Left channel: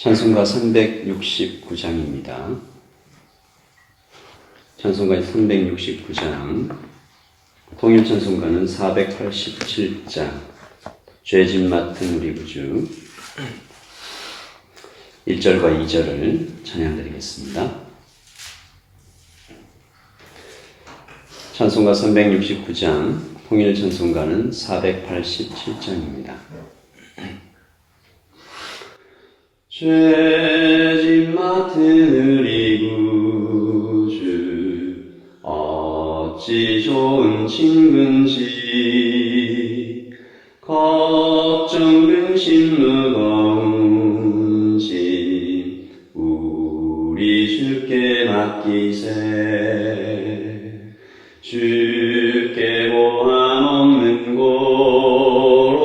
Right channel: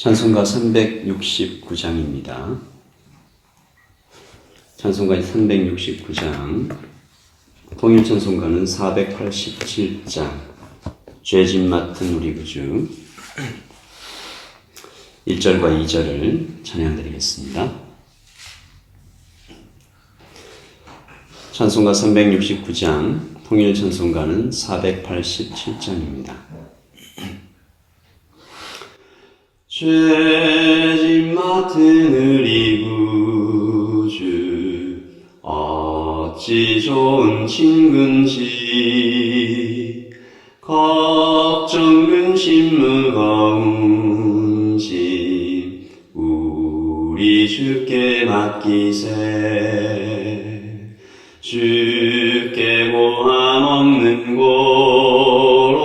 찬송가 369장입니다. 찬송가 369장, 통일찬송가는 487장, 죄짐 맡은 우리 구주 1절과 2절을 찬양드리겠습니다. 찬송가 369장, 통일찬송가는 487장입니다. 죄짐 맡은 우리 구주 어찌 좋은 친군지 걱정 근심 무거운지 우리 주께 맡기세. 주께 모함 없는 고로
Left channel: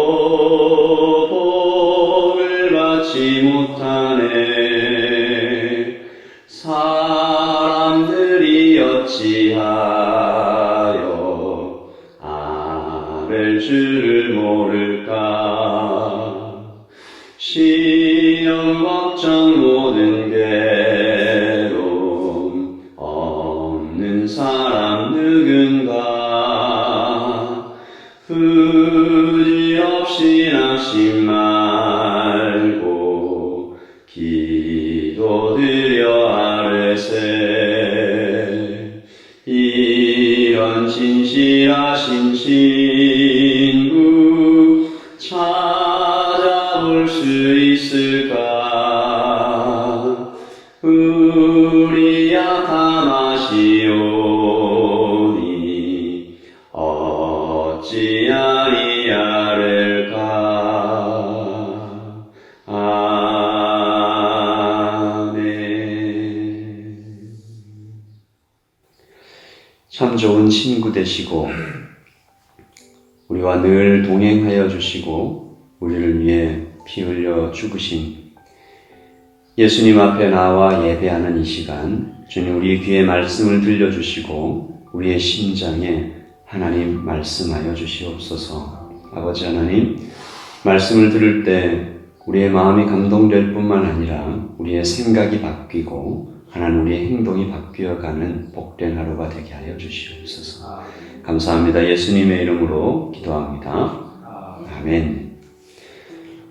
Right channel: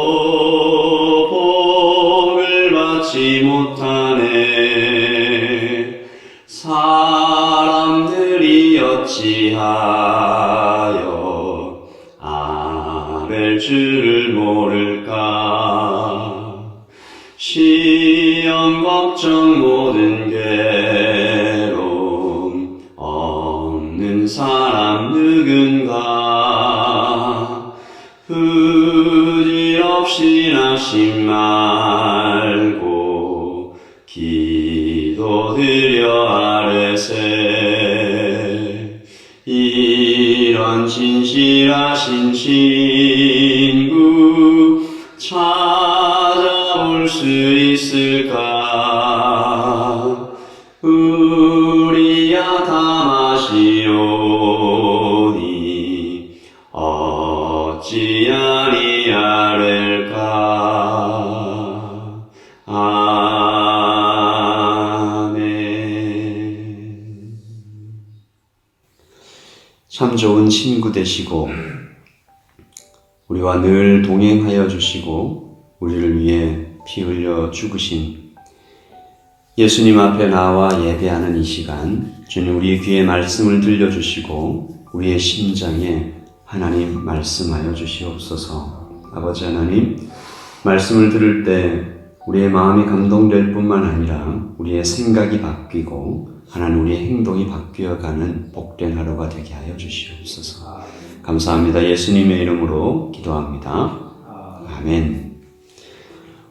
복을 받지 못하네. 사람들이 어찌하여 아벨 주를 모를까. 시험 걱정 모든 괴로움 없는 사람 누군가. 부질없이 낙심 말고 기도드려 아뢰세. 이런 진실하신 친구 찾아볼 수 있을까. 우리야 다 마시오니 어찌 아니하렐까. 아멘. 참 좋은 친구 되시고 우리와 늘 동행하여 주시고 우리를 위해 피 흘려 죽으신 예수님 앞에 나와 예배하는 이 시간, 주님 우리 귀에 말씀을 들려주시고 우리의 심장에 하나님 말씀하여 주시옵소서. 아버지 하나님, 말씀을 들을 때 우리의 마음이 감동될 뿐만 아니라 우리의 생각이 바뀌고 하나님 우리의 행동이 바뀌어가는 복된 하루가 되게 하여 주시옵소서. 감사합니다. 예수님의 이름으로 기도합니다. 아멘.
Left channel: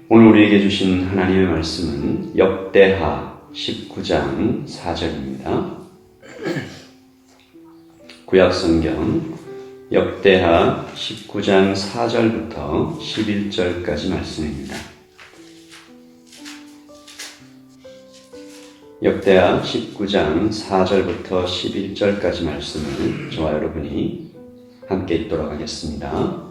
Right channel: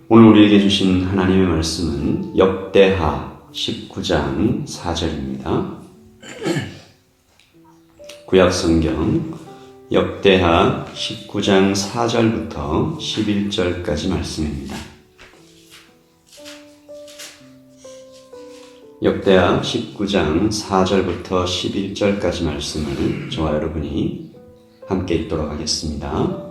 오늘 우리에게 주신 하나님의 말씀은 역대하 19장 4절입니다. 구약성경 역대하 19장 4절부터 11절까지 말씀입니다. 역대하 19장 4절부터 11절까지 말씀을 저와 여러분이 함께 읽도록 하겠습니다.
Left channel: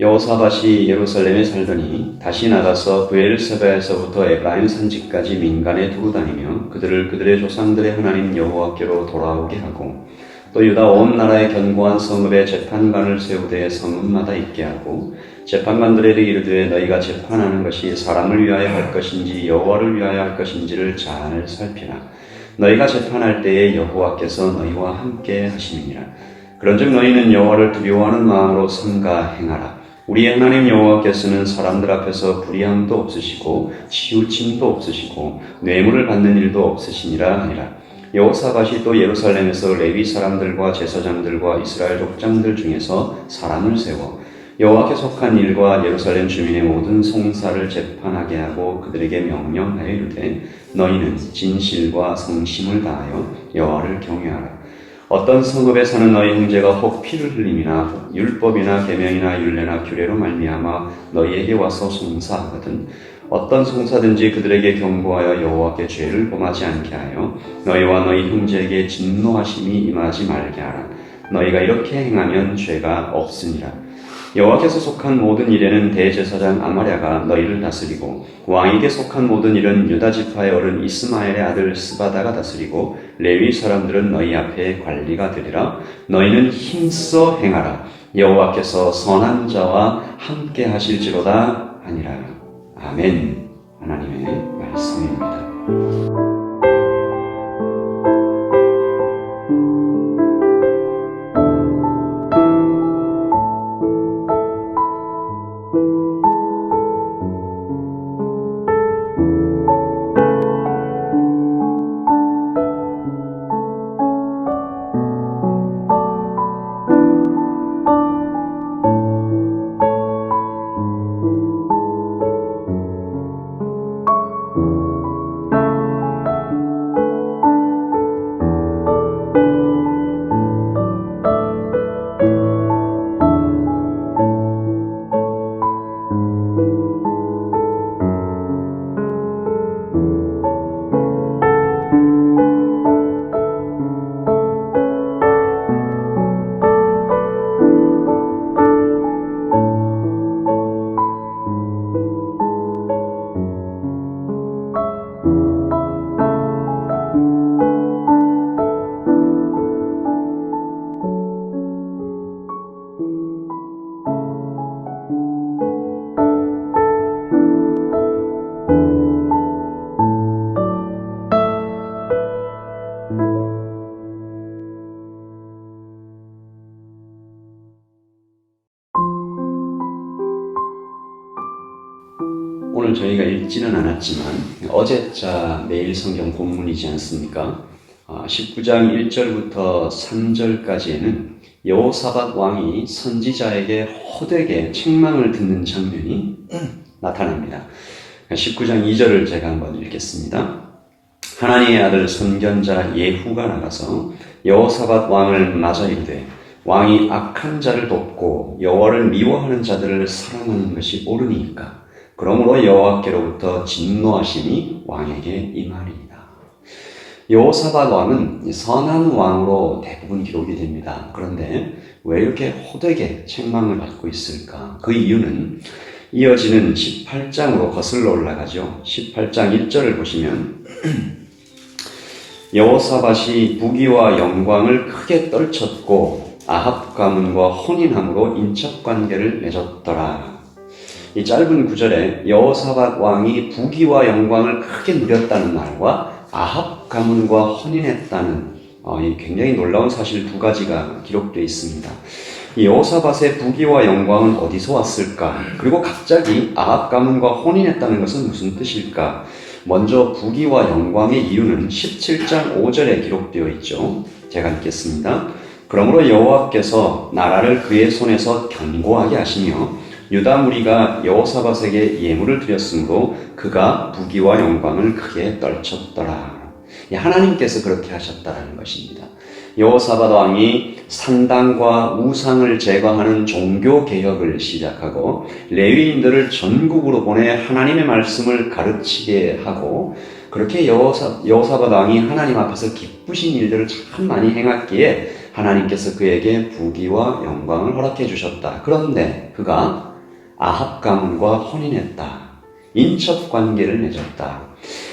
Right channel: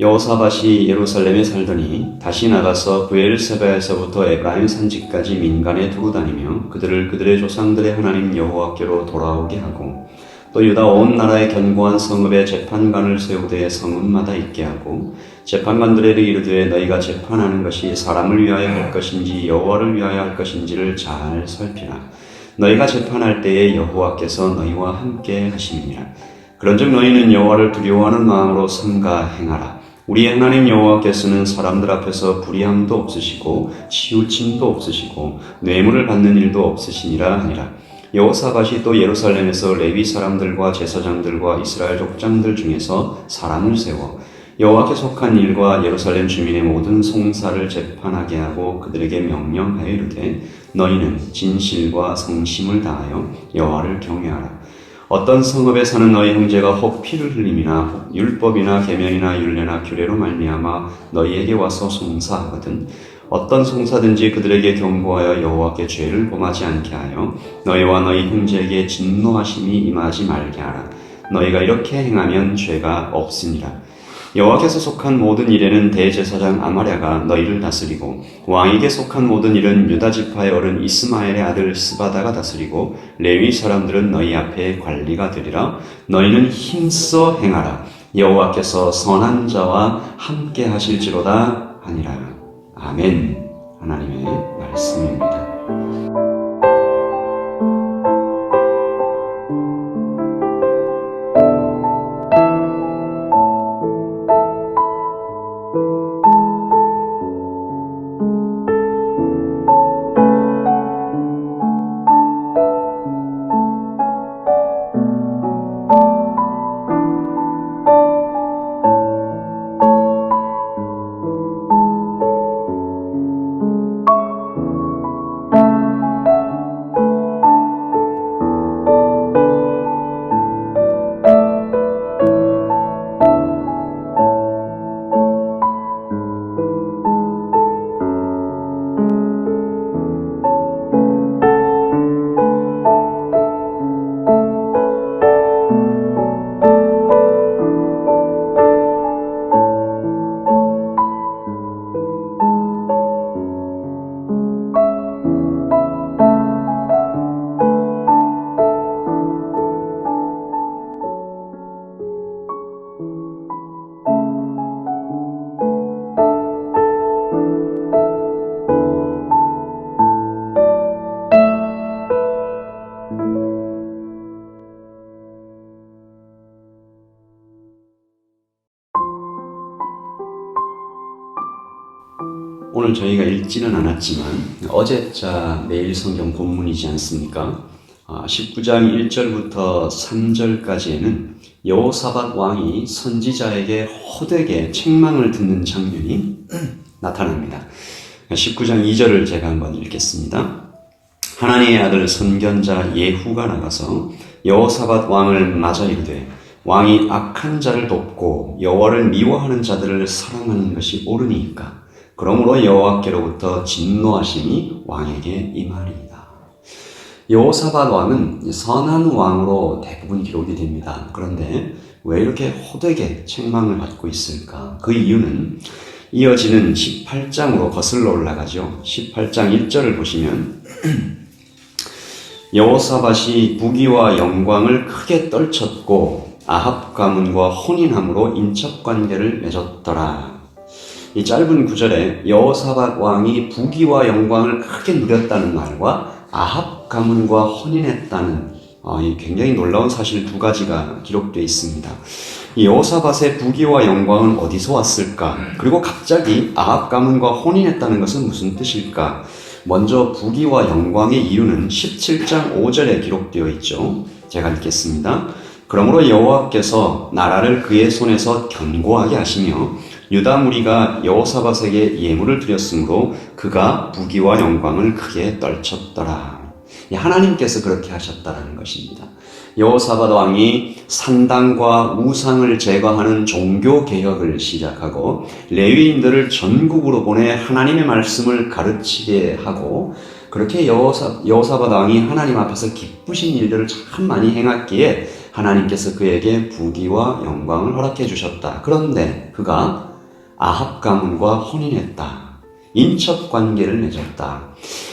여호사밧이 예루살렘에 살더니 다시 나가서 브엘세바에서부터 에브라임 산지까지 민간에 두고 다니며 그들을 그들의 조상들의 하나님 여호와께로 돌아오게 하고 또 유다 온 나라의 견고한 성읍에 재판관을 세우되 성읍마다 있게 하고 재판관들에게 이르되 너희가 재판하는 것이 사람을 위하여 할 것인지 여호와를 위하여 할 것인지를 잘 살피라. 너희가 재판할 때에 여호와께서 너희와 함께 하심이니라. 그런즉 너희는 여호와를 두려워하는 마음으로 삼가 행하라. 우리의 하나님 여호와께서는 사람들 앞에서 불의함도 없으시고 치우침도 없으시고 뇌물을 받는 일도 없으시니라 하니라. 여호사밧이 또 예루살렘에서 레위 사람들과 제사장들과 이스라엘 족장들 중에서 사람을 세워 여호와께 속한 일과 예루살렘 주민의 모든 송사를 재판하게 하고 그들에게 명령하여 이르되 너희는 진실과 성심을 다하여 여호와를 경외하라. 어떤 성읍에 사는 너희 형제가 혹 피를 흘림이나 율법이나 계명이나 율례나 규례로 말미암아 너희에게 와서 송사하거든 어떤 송사든지 그들에게 경고하여 여호와께 죄를 범하지 않게 하여 너희와 너희 형제에게 진노하심이 임하지 말게 하라. 너희가 이렇게 행하면 죄가 없습니다. 여호와께서 속한 모든 일에는 대제사장 아마랴가 너희를 다스리고 왕에게 속한 모든 일은 유다 지파의 어른 이스마엘의 아들 스바다가 다스리고 레위 사람들은 너희 앞에 관리가 되리라. 너희는 힘써 행하라. 여호와께서 선한 자와 함께 하실지로다 하니라. 아멘. 하나님의 말씀입니다. 오늘 저희가 읽지는 않았지만 어제자 내일 성경 본문이지 않습니까? 19장 1절부터 3절까지에는 여호사밧 왕이 선지자에게 호되게 책망을 듣는 장면이 나타납니다. 19장 2절을 제가 한번 읽겠습니다. 하나님의 아들 선견자 예후가 나가서 여호사밧 왕을 맞아 이르되 왕이 악한 자를 돕고 여호와를 미워하는 자들을 사랑하는 것이 옳으니까 그러므로 여호와께로부터 진노하심이 왕에게 임하리이다. 여호사밧 왕은 선한 왕으로 대부분 기록이 됩니다. 그런데 왜 이렇게 호되게 책망을 받고 있을까? 그 이유는 이어지는 18장으로 거슬러 올라가죠. 18장 1절을 보시면 여호사밧이 부귀와 영광을 크게 떨쳤고 아합 가문과 혼인함으로 인척관계를 맺었더라. 이 짧은 구절에 여호사밧 왕이 부귀와 영광을 크게 누렸다는 말과 아합 가문과 혼인했다는 이 굉장히 놀라운 사실 두 가지가 기록되어 있습니다. 이 여호사밧의 부귀와 영광은 어디서 왔을까? 그리고 갑자기 아합 가문과 혼인했다는 것은 무슨 뜻일까? 먼저 부귀와 영광의 이유는 17장 5절에 기록되어 있죠. 제가 읽겠습니다. 그러므로 여호와께서 나라를 그의 손에서 견고하게 하시며 유다 무리가 여호사밧에게 예물을 드렸으므로 그가 부귀와 영광을 크게 떨쳤더라. 하나님께서 그렇게 하셨다라는 것입니다. 여호사밧 왕이 산당과 우상을 제거하는 종교 개혁을 시작하고 레위인들을 전국으로 보내 하나님의 말씀을 가르치게 하고 그렇게 여호사밧 왕이 하나님 앞에서 기쁘신 일들을 참 많이 행했기에 하나님께서 그에게 부귀와 영광을 허락해 주셨다. 그런데 그가 아합 가문과 혼인했다. 인척 관계를 맺었다.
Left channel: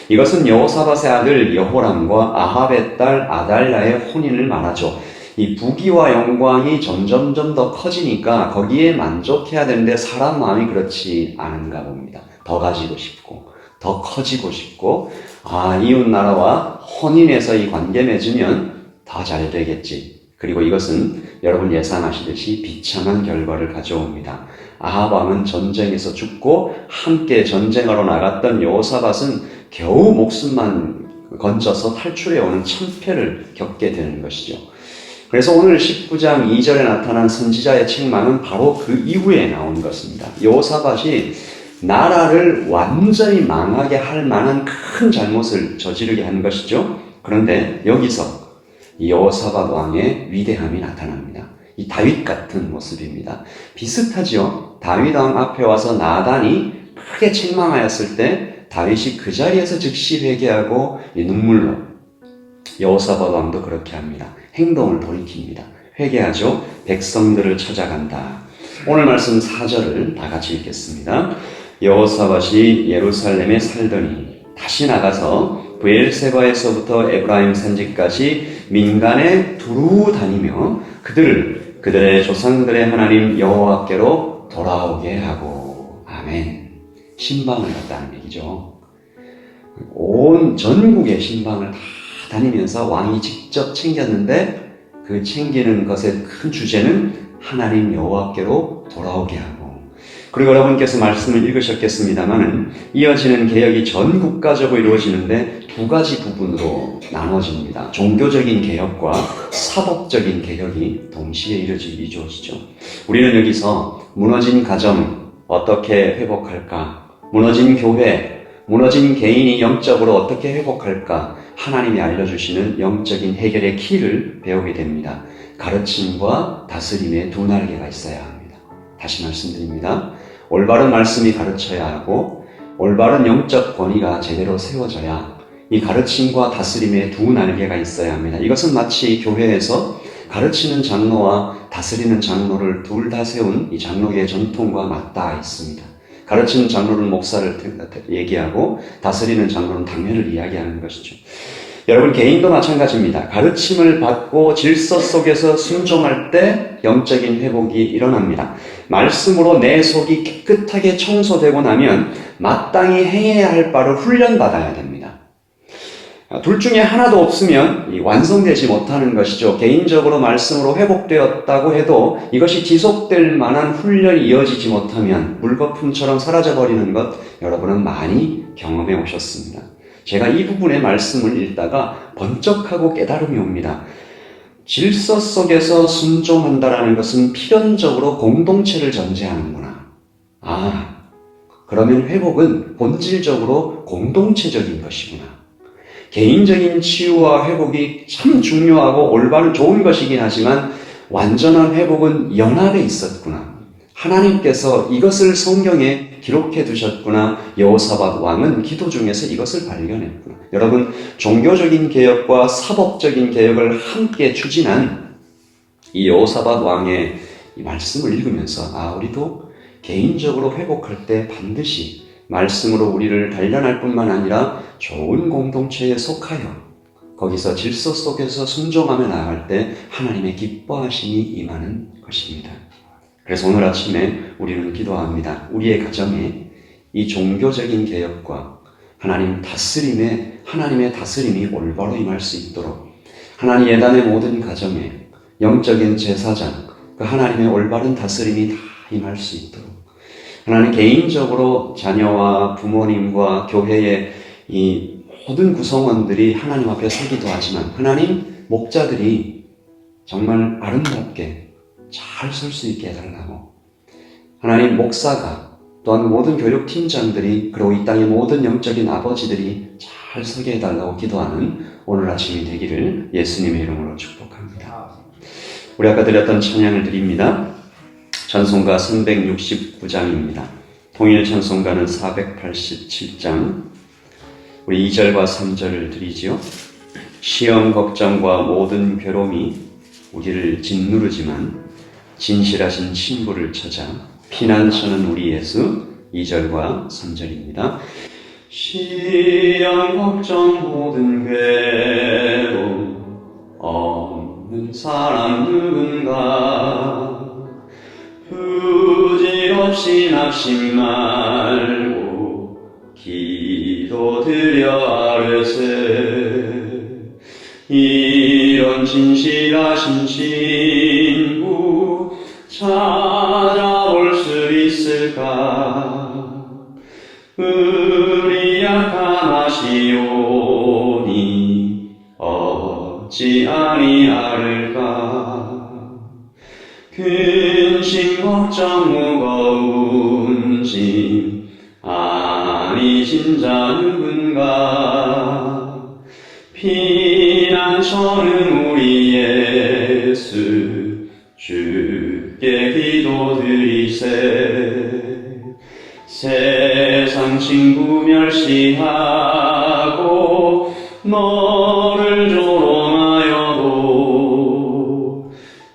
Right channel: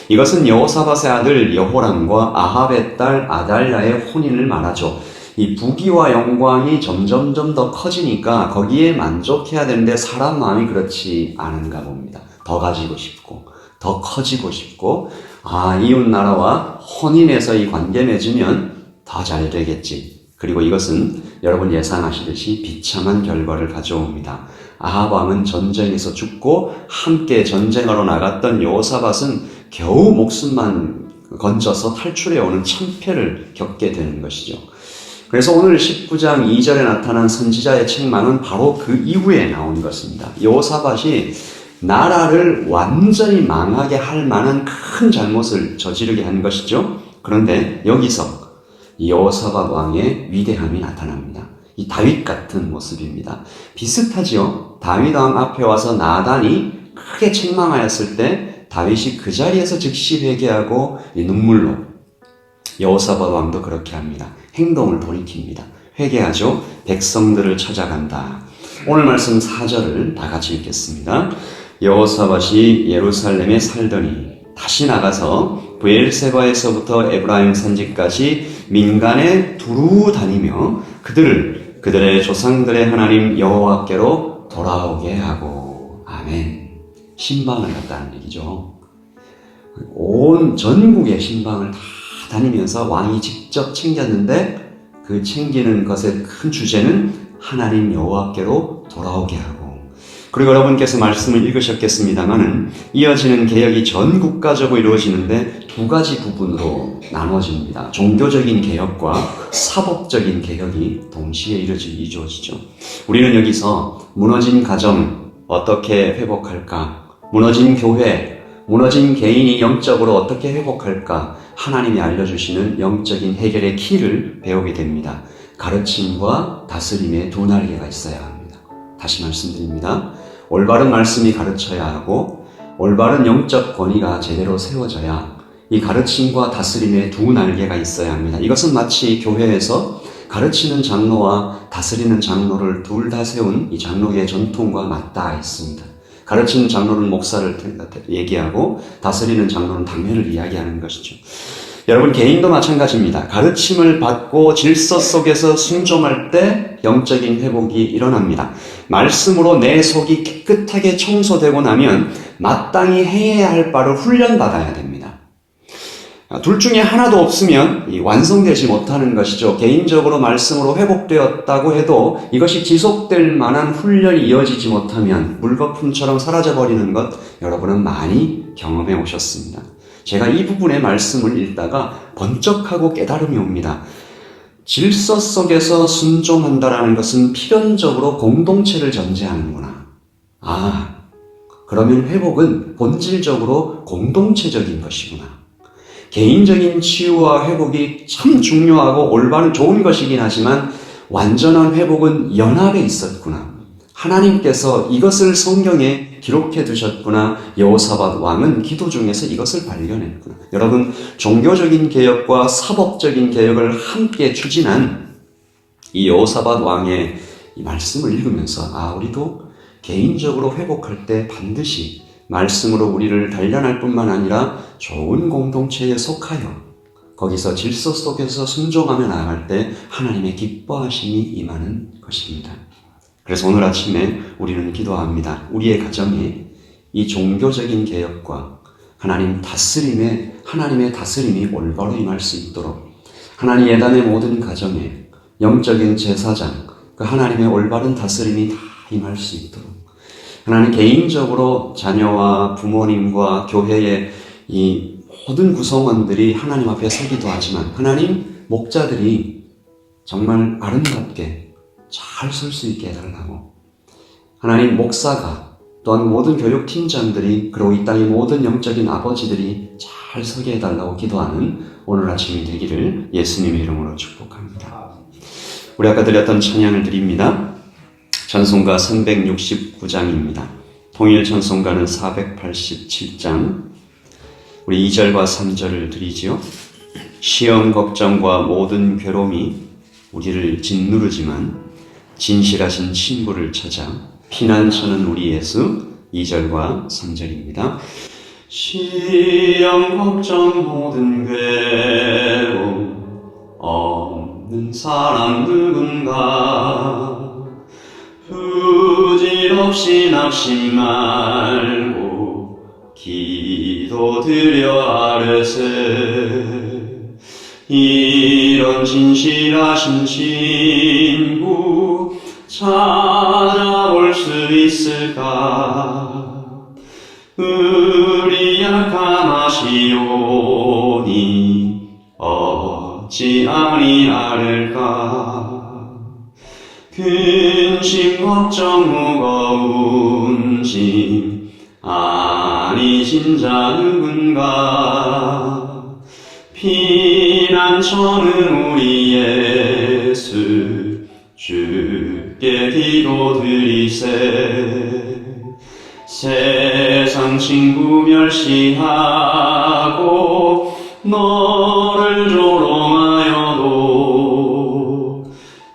이것은 여호사밧의 아들 여호람과 아합의 딸 아달랴의 혼인을 말하죠. 이 부귀와 영광이 점점점 더 커지니까 거기에 만족해야 되는데 사람 마음이 그렇지 않은가 봅니다. 더 가지고 싶고 더 커지고 싶고 이웃 나라와 혼인해서 이 관계 맺으면 더 잘 되겠지. 그리고 이것은 여러분 예상하시듯이 비참한 결과를 가져옵니다. 아합 왕은 전쟁에서 죽고 함께 전쟁하러 나갔던 여호사밧은 겨우 목숨만 건져서 탈출해 오는 참패를 겪게 되는 것이죠. 그래서 오늘 19장 2절에 나타난 선지자의 책망은 바로 그 이후에 나온 것입니다. 여호사밧이 나라를 완전히 망하게 할 만한 큰 잘못을 저지르게 한 것이죠. 그런데 여기서 여호사밧 왕의 위대함이 나타납니다. 이 다윗 같은 모습입니다. 비슷하죠. 다윗 왕 앞에 와서 나단이 크게 책망하였을 때 다윗이 그 자리에서 즉시 회개하고 눈물로 여호사밧 왕도 그렇게 합니다. 행동을 돌이킵니다. 회개하죠. 백성들을 찾아간다. 오늘 말씀 4절을 다 같이 읽겠습니다. 여호사밧이 예루살렘에 살더니 다시 나가서 브엘세바에서부터 에브라임 산지까지 민간에 두루 다니며 그들의 조상들의 하나님 여호와께로 돌아오게 하고 아멘. 신방을 갔다는 얘기죠. 온 전국의 신방을 다 다니면서 왕이 직접 챙겼는데 그 챙기는 것의 큰 주제는 하나님 여호와께로 돌아오게 하고 그리고 여러분께서 말씀을 읽으셨겠습니다만은 이어지는 개혁이 전 국가적으로 이루어지는데 두 가지 부분으로 나눠집니다. 종교적인 개혁과 사법적인 개혁이 동시에 이루어지죠. 우리는 여기서 무너진 가정 어떻게 회복할까? 무너진 교회, 무너진 개인이 영적으로 어떻게 회복할까? 하나님이 알려주시는 영적인 해결의 키를 배우게 됩니다. 가르침과 다스림의 두 날개가 있어야 합니다. 다시 말씀드립니다. 올바른 말씀이 가르쳐야 하고 올바른 영적 권위가 제대로 세워져야 이 가르침과 다스림의 두 날개가 있어야 합니다. 이것은 마치 교회에서 가르치는 장로와 다스리는 장로를 둘 다 세운 이 장로계의 전통과 맞닿아 있습니다. 가르치는 장로는 목사를 얘기하고 다스리는 장로는 당회를 이야기하는 것이죠. 여러분 개인도 마찬가지입니다. 가르침을 받고 질서 속에서 순종할 때 영적인 회복이 일어납니다. 말씀으로 내 속이 깨끗하게 청소되고 나면 마땅히 해야 할 바를 훈련받아야 됩니다. 둘 중에 하나도 없으면 완성되지 못하는 것이죠. 개인적으로 말씀으로 회복되었다고 해도 이것이 지속될 만한 훈련이 이어지지 못하면 물거품처럼 사라져버리는 것 여러분은 많이 경험해 오셨습니다. 제가 이 부분의 말씀을 읽다가 번쩍하고 깨달음이 옵니다. 질서 속에서 순종한다라는 것은 필연적으로 공동체를 전제하는구나. 그러면 회복은 본질적으로 공동체적인 것이구나. 개인적인 치유와 회복이 참 중요하고 올바른 좋은 것이긴 하지만 완전한 회복은 연합에 있었구나. 하나님께서 이것을 성경에 기록해 두셨구나. 여호사밧 왕은 기도 중에서 이것을 발견했구나. 여러분, 종교적인 개혁과 사법적인 개혁을 함께 추진한 이 여호사밧 왕의 이 말씀을 읽으면서 우리도 개인적으로 회복할 때 반드시 말씀으로 우리를 단련할 뿐만 아니라 좋은 공동체에 속하여 거기서 질서 속에서 순종하며 나아갈 때 하나님의 기뻐하심이 임하는 것입니다. 그래서 오늘 아침에 우리는 기도합니다. 우리의 가정에 이 종교적인 개혁과 하나님의 다스림이 올바로 임할 수 있도록 하나님 예단의 모든 가정에 영적인 제사장, 그 하나님의 올바른 다스림이 다 임할 수 있도록 하나님 개인적으로 자녀와 부모님과 교회의 이 모든 구성원들이 하나님 앞에 서기도 하지만 하나님 목자들이 정말 아름답게 잘 설 수 있게 해달라고 하나님 목사가 또한 모든 교육팀장들이 그리고 이 땅의 모든 영적인 아버지들이 잘 서게 해달라고 기도하는 오늘 아침이 되기를 예수님의 이름으로 축복합니다. 우리 아까 드렸던 찬양을 드립니다. 찬송가 369장입니다. 통일 찬송가는 487장. 우리 2절과 3절을 드리지요. 시험 걱정과 모든 괴로움이 우리를 짓누르지만 진실하신 친구를 찾아 피난처는 우리 예수. 2절과 3절입니다. 시험 걱정 모든 괴로움 없는 사람 누군가 부질없이 낙심 말고 기도드려 아뢰세 이런 진실하신 친구 찾아볼 수 있을까 우리 약함하시오니 어찌 아니하를까 근심 걱정 무거운 짐 아니신 자 누군가 피난처는 우리 예수 주께 기도드리세 세상 친구 멸시하고 너를 조롱하여도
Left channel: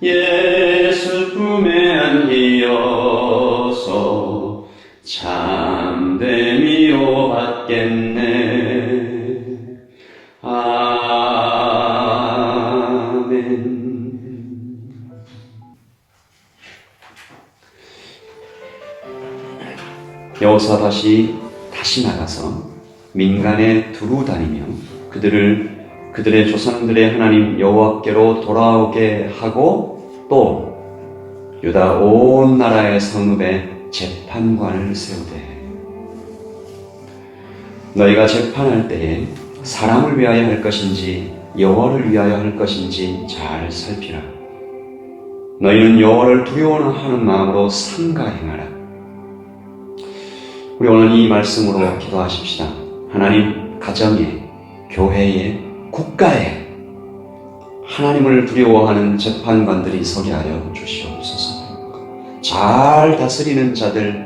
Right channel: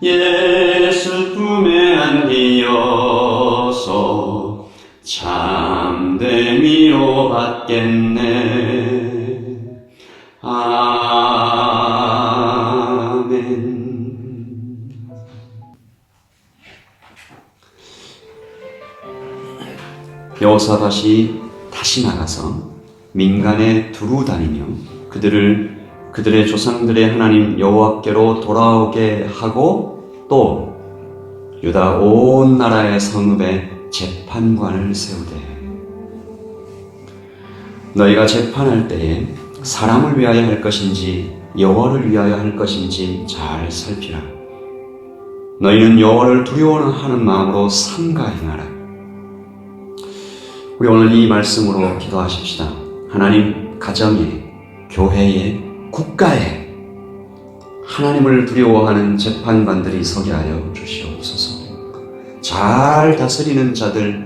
예수 품에 안기어서 참된 위로 받겠네. 아멘. 여호사밧이 다시 나가서 민간에 두루 다니며 그들의 조상들의 하나님 여호와께로 돌아오게 하고 또 유다 온 나라의 성읍에 재판관을 세우되 너희가 재판할 때에 사람을 위하여 할 것인지 여호와를 위하여 할 것인지 잘 살피라. 너희는 여호와를 두려워하는 마음으로 삼가 행하라. 우리 오늘 이 말씀으로 기도하십시다. 하나님 가정에, 교회에, 국가에 하나님을 두려워하는 재판관들이 서게 하여 주시옵소서. 잘 다스리는 자들,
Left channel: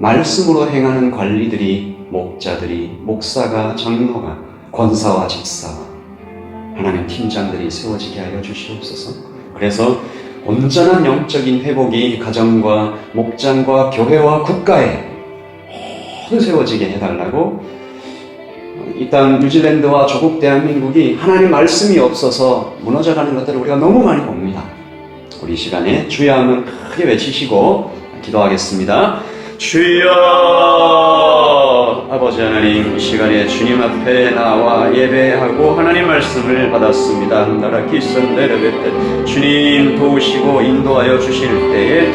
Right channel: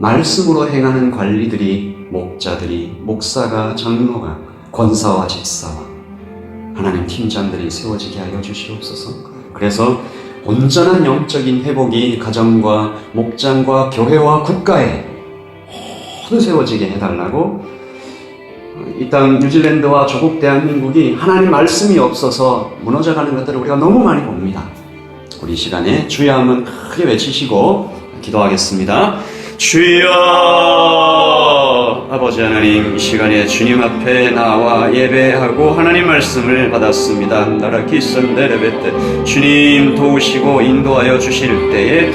말씀으로 행하는 관리들이, 목자들이, 목사가, 장로가, 권사와 집사와 하나님 팀장들이 세워지게 하여 주시옵소서. 그래서 온전한 영적인 회복이 가정과 목장과 교회와 국가에 모두 세워지게 해달라고. 이 땅 뉴질랜드와 조국 대한민국이 하나님 말씀이 없어서 무너져가는 것들을 우리가 너무 많이 봅니다. 우리 시간에 주여 한번 크게 외치시고 기도하겠습니다. 주여 아버지 아버지 하나님, 이 시간에 주님 앞에 나와 예배하고 하나님 말씀을 받았습니다. 나라 기선 내려뱉듯 주님 도우시고 인도하여 주실 때에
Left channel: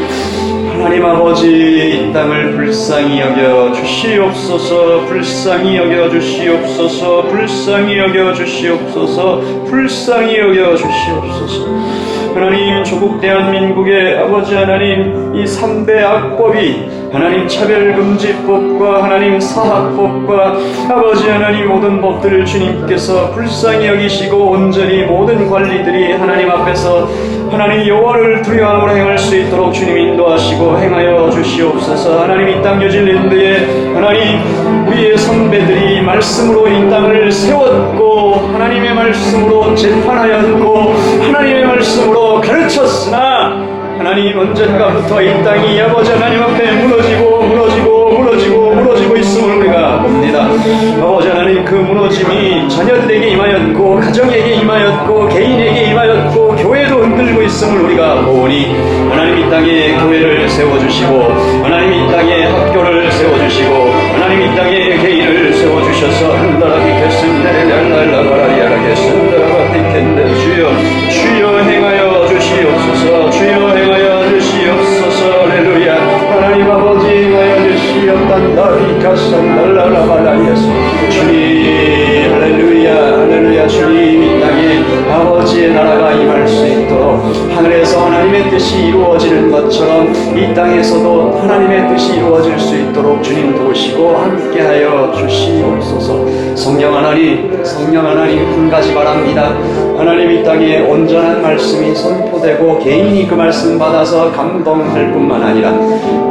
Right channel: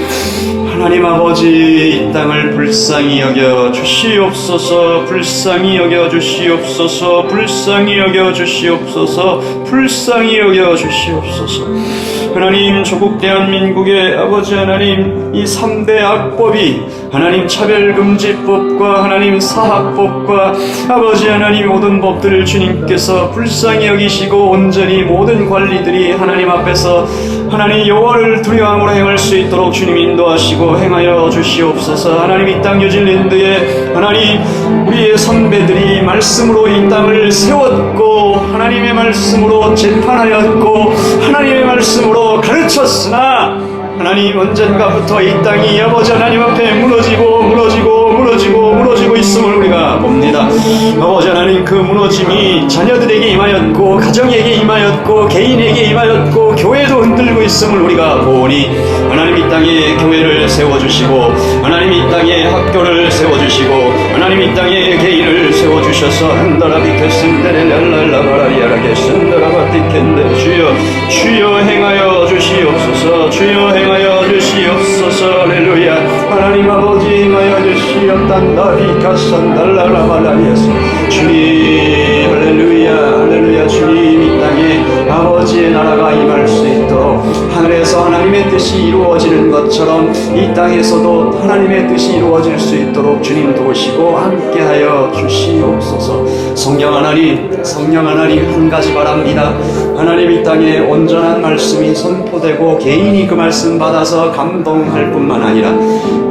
하나님 아버지, 이 땅을 불쌍히 여겨 주시옵소서. 불쌍히 여겨 주시옵소서. 불쌍히 여겨 주시옵소서. 불쌍히 여겨 주시옵소서. 하나님, 조국 대한민국의 아버지 하나님, 이 3대 악법이 하나님 차별금지법과 하나님 사학법과 아버지 하나님 모든 법들을 주님께서 불쌍히 여기시고 온전히 모든 관리들이 하나님 앞에서 하나님 여호와를 두려움으로 행할 수 있도록 주님 인도하시고 행하여 주시옵소서. 하나님, 이 땅 뉴질랜드에 하나님 우리의 선배들이 말씀으로 이 땅을 세웠고 하나님의 말씀으로 재판하였고 하나님의 말씀으로 가르쳤으나 하나님 언젠가부터 이 땅이 아버지 하나님 앞에 무너지고 있음을 우리가 봅니다. 아버지 하나님, 그 무너짐이 자녀들에게 임하였고 가정에게 임하였고 개인에게 임하였고 교회도 흔들고 있음을 우리가 보니 하나님 이 땅에 교회를 세워주시고 하나님 이 땅에 학교를 세워주시고 하나님 이 땅에 개인을 세워주셔서 주여 행하여 주시옵소서. 주여 행하여 주시옵소서. 할렐루야. 하나님 아버지 행하여 주시옵단다. 이카산달라라바다리아서 주님, 할렐루야, 할렐루야. 주님, 이 땅에 아버지의 나라가 임할 수 있도록 하늘에서 하나님의 뜻이 이루어지는 것처럼 이 땅에서도 하나님의 뜻이 이루어질 수 있도록 주님 도우시고 함께하여 주시옵소서. 성령 하나님, 한 가지 바랍니다. 하나님, 이 땅에 온전한 말씀이 선포되고 개인이 그 말씀 받아서 감동할 뿐만 아니라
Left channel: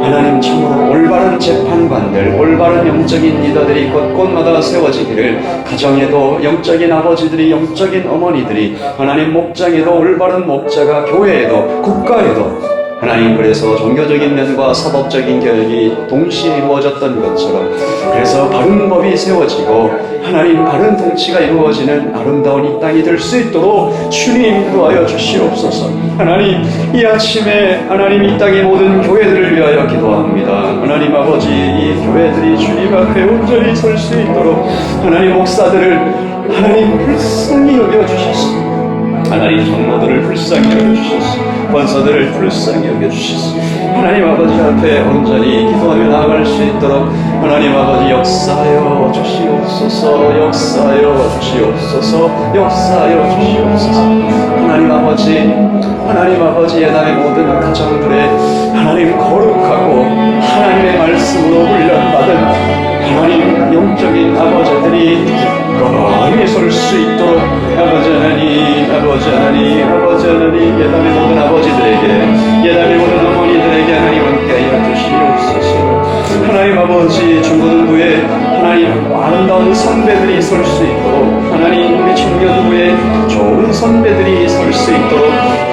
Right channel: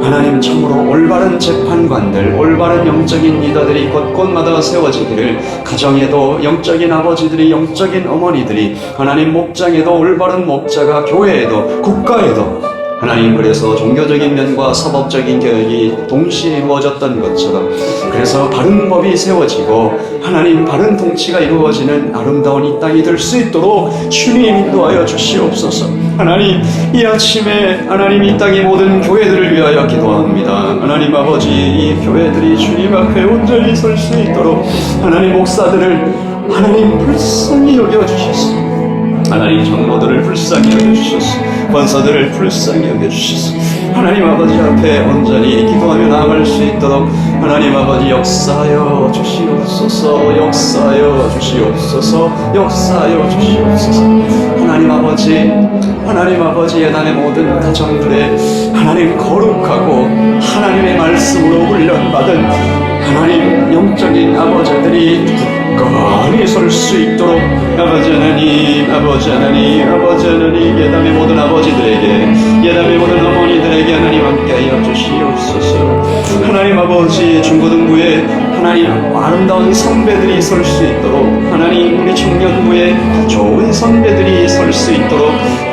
하나님 참으로 올바른 재판관들, 올바른 영적인 리더들이 곳곳마다 세워지기를, 가정에도 영적인 아버지들이, 영적인 어머니들이, 하나님 목장에도 올바른 목자가, 교회에도 국가에도 하나님, 그래서 종교적인 면과 사법적인 개혁이 동시에 이루어졌던 것처럼 그래서 바른 법이 세워지고 하나님 바른 통치가 이루어지는 아름다운 이 땅이 될 수 있도록 주님 인도하여 주시옵소서. 하나님, 이 아침에 하나님 이 땅의 모든 교회들을 위하여 기도합니다. 하나님 아버지, 이 교회들이 주님 앞에 온전히 설 수 있도록 하나님 목사들을 하나님 불쌍히 여겨주셨습니다. 하나님 장로들을 불쌍히 여겨주셨소. 권사들을 불쌍히 여겨주셨소. 하나님 아버지 앞에 온전히 기도하며 나아갈 수 있도록 하나님 아버지 역사하여 주시옵소서. 역사하여 주시옵소서. 역사하여 주시옵소서. 하나님 아버지 예단의 모든 가정들에 하나님 거룩하고 하나님의 말씀으로 훈련받은 하나님 영적인 아버지들이 굳건히 설 수 있도록 아버지 하나님 예단의 모든 아버지들에게, 예단의 모든 어머니들에게 하나님 함께하여 주시옵소서. 하나님 아버지, 중고등부에 하나님 아름다운 선배들이 설 수 있도록, 하나님 우리 청년부에 좋은 선배들이 설 수 있도록,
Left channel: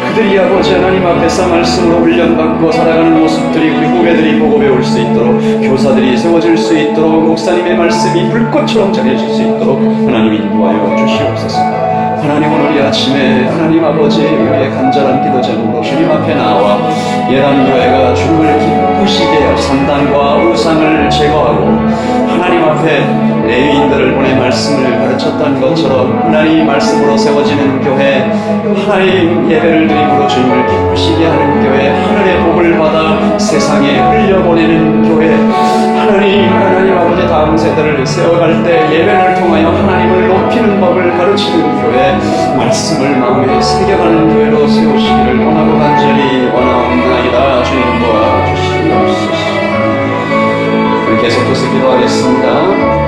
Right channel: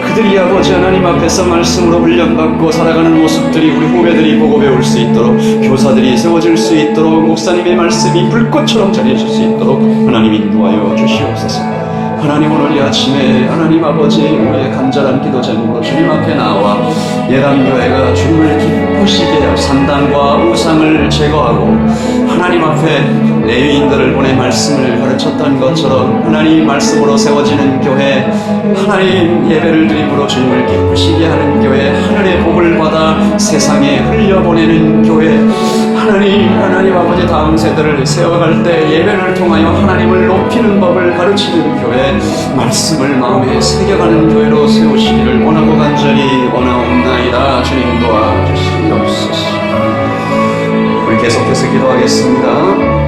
그들이 아버지 하나님 앞에서 말씀으로 훈련받고 살아가는 모습들이 우리 후배들이 보고 배울 수 있도록, 교사들이 세워질 수 있도록, 목사님의 말씀이 불꽃처럼 전해질 수 있도록 하나님 인도하여 주시옵소서. 하나님, 오늘 이 아침에 하나님 아버지 우리의 간절한 기도 제목으로 주님 앞에 나와 예람교회가 주님을 기쁘시게 할 산당과 우상을 제거하고 하나님 앞에 레위인들을 보내 말씀을 가르쳤던 것처럼 하나님 말씀으로 세워지는 교회, 하나님 예배를 드림으로 주님을 기쁘시게 하는 교회, 하늘의 복을 받아 세상에 흘려보내는 교회, 하나님 아버지 다음 세대를 세워갈 때 예배를 통하여 하나님을 높이는 법을 가르치는 교회, 말씀을 마음에 새겨가는 교회로 세우시기를 원하고 간절히 원하옵나이다. 주님 도와주시옵소서. 우리 계속해서 기도하겠습니다.